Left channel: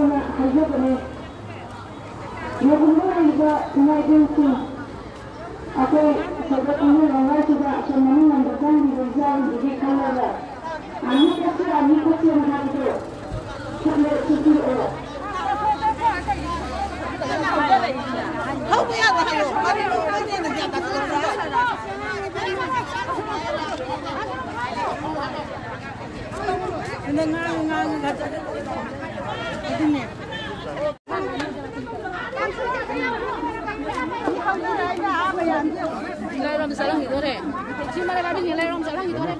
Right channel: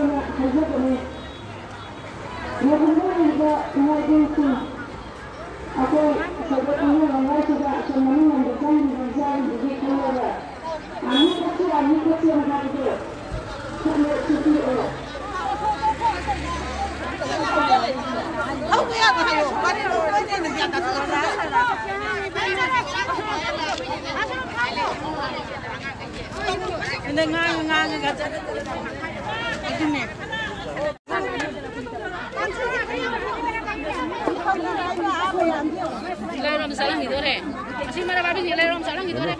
ꯍꯥꯏꯅ ꯍꯥꯏꯖꯕꯅꯤ ꯃꯗꯨꯒ ꯅꯨꯡꯉꯥꯏꯖꯩꯁꯤ ꯑꯩꯈꯣꯏ ꯁꯣꯏꯕ ꯈꯪꯅꯔꯉꯥꯏꯁꯤꯗ ꯑꯁꯣꯝ ꯃꯅꯨꯡꯗ ꯆꯪꯂꯤꯕ ꯏꯆꯥꯁꯤꯡꯗꯨꯒꯤ ꯈꯜꯂꯒ ꯑꯅꯤ ꯈꯛꯁꯦ ꯍꯥꯏꯕꯗꯣ ꯈꯨꯠꯄꯤꯔꯛꯑꯣ Nilai rom salang gitu re. Masih mana baru nilai rom salang gitu re.